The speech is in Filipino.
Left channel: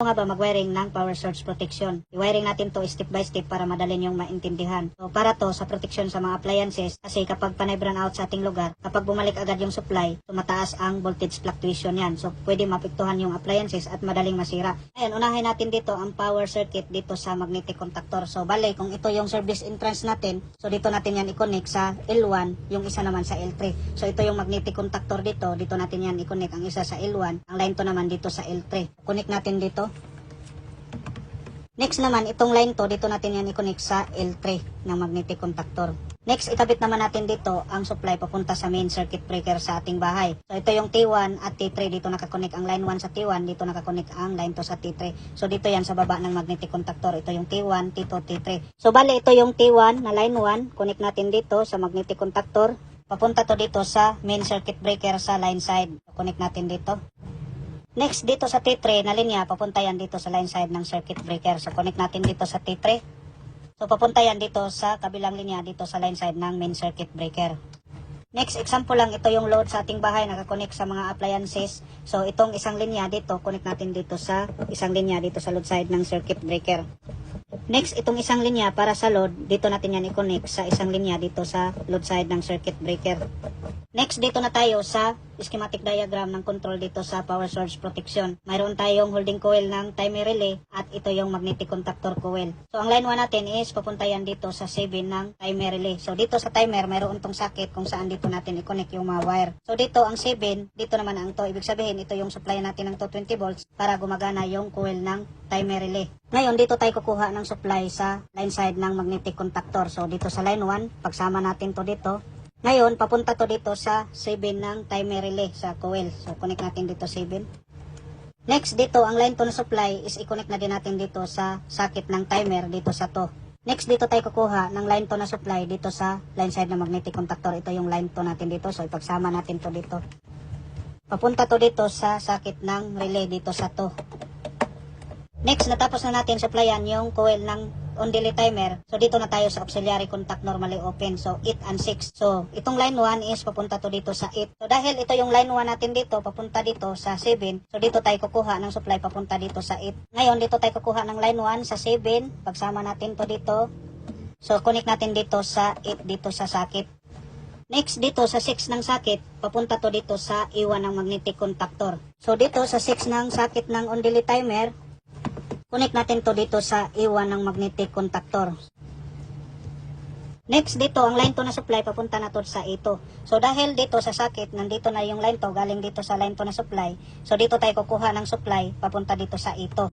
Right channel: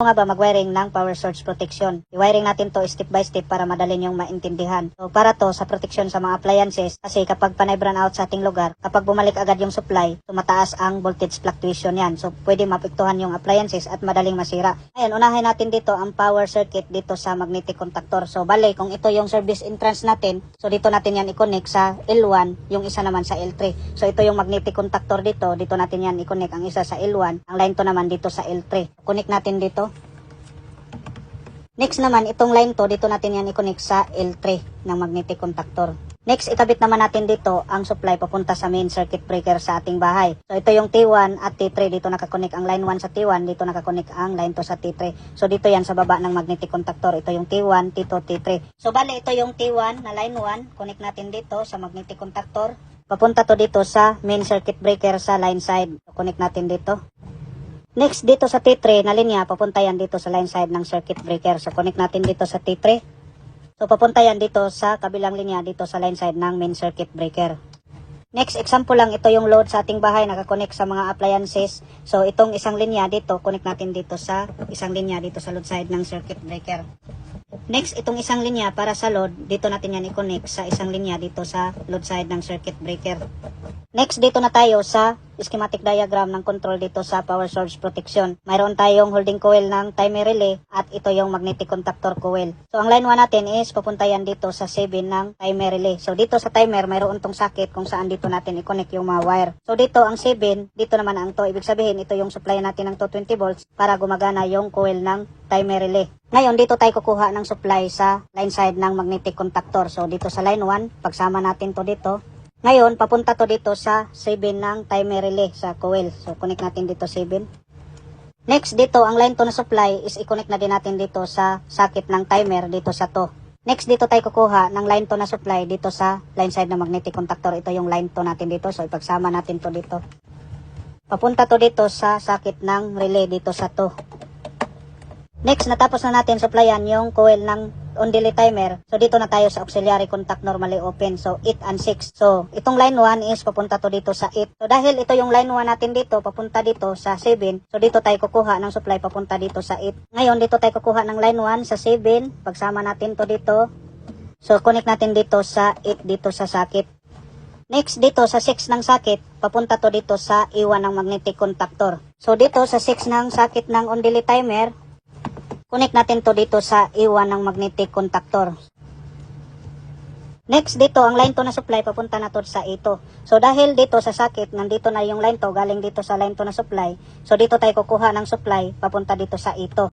nga ba mag-wiring ng power source protection? I-wiring natin to step by step para madali niyong maintindihan. So para to sa protection sa mga appliances kasi kapag panay brown out sa ating lugar, kapag bumalik agad yung supply, tumataas ang voltage fluctuation yan. So pwede mapektuhan yung appliances at madaling masira. Ayan, unahin natin dito ang power circuit dito sa magnetic contactor. So bale, kung ito yung service entrance natin, so dito natin yan i-connect sa L1, yung isa naman sa L3. So ito yung magnetic contactor dito, dito natin yan i-connect ang isa sa L1, ang line to naman dito sa L3. Connect natin dito. Next naman, itong line to, dito natin yan i-connect sa L3 ng magnetic contactor. Next, ikabit naman natin dito ang supply papunta sa main circuit breaker sa ating bahay. So, ito yung T1 at T3. Dito nakakonek ang line 1 sa T1. Dito nakakonek ang line 2 sa T3. So, dito yan sa baba ng magnetic contactor. Ito yung T1, T2, T3. So, bali, ito yung T1 na line 1. Connect natin dito sa magnetic contactor. Papunta to dito sa main circuit breaker sa line side. So, connect natin dito. Next, dito sa T3 na linya, papunta yan dito sa line side ng circuit breaker. So, connect natin dito sa T3. So, papunta yan dito sa kabilang linya, dito sa line side ng main circuit breaker. Next example lang, ito yung load sa ating bahay, nakakonect sa mga appliances. So, itong isang linya dito, connect natin dito sa isang linya dito sa load side ng circuit breaker. Next, itong isang linya para sa load, dito natin yan i-connect sa isang linya dito sa load side ng circuit breaker. Next, dito na tayo sa schematic diagram ng control dito sa power source protection. Mayroon tayong holding coil ng timer relay at ito yung magnetic contactor coil. So, ang line 1 natin is papunta yan dito sa 7 ng timer relay. So, dito sa timer, mayroon tong socket kung saan dito natin i-connect yung mga wire. So, dito ang 7, dito naman ang to. Ibig sabihin, ito yung supply natin ng 220 volts para gumagana yung coil ng timer relay. Ngayon, dito tayo kukuha ng supply sa line side ng magnetic contactor. So, dito sa line 1, pagsama natin to dito, ngayon, papunta to dito sa 7 ng timer relay sa coil. So, connect natin dito 7. Next, dito, ang line to na supply is i-connect na din natin dito sa socket ng timer dito sa to. Next, dito tayo kukuha ng line to na supply dito sa line side ng magnetic contactor. Ito yung line to natin dito. So, ipagsama natin to dito. Papunta to dito sa socket ng relay dito sa to. Next, natapos na natin supplyan yung coil ng on-delay timer. So, dito na tayo sa auxiliary contact normally open. So, 8 and 6. So, itong line 1 is papunta to dito sa 8. So, dahil ito yung line 1 natin dito, papunta dito sa 7. So, dito tayo kukuha ng supply papunta dito sa 8. Ngayon, dito tayo kukuha ng line 1 sa 7. Pagsama natin to dito. So, connect natin dito sa 8 dito sa socket. Next, dito sa 6 ng socket, papunta to dito sa iwan ng magnetic contactor. So, dito sa 6 ng socket ng on-delay timer, Connect natin to dito sa iwan ng magnetic contactor. Next dito, ang line to na supply papunta na to sa ito. So dahil dito sa socket, nandito na yung line to, galing dito sa line to na supply. So dito tayo kukuha ng supply papunta dito sa ito.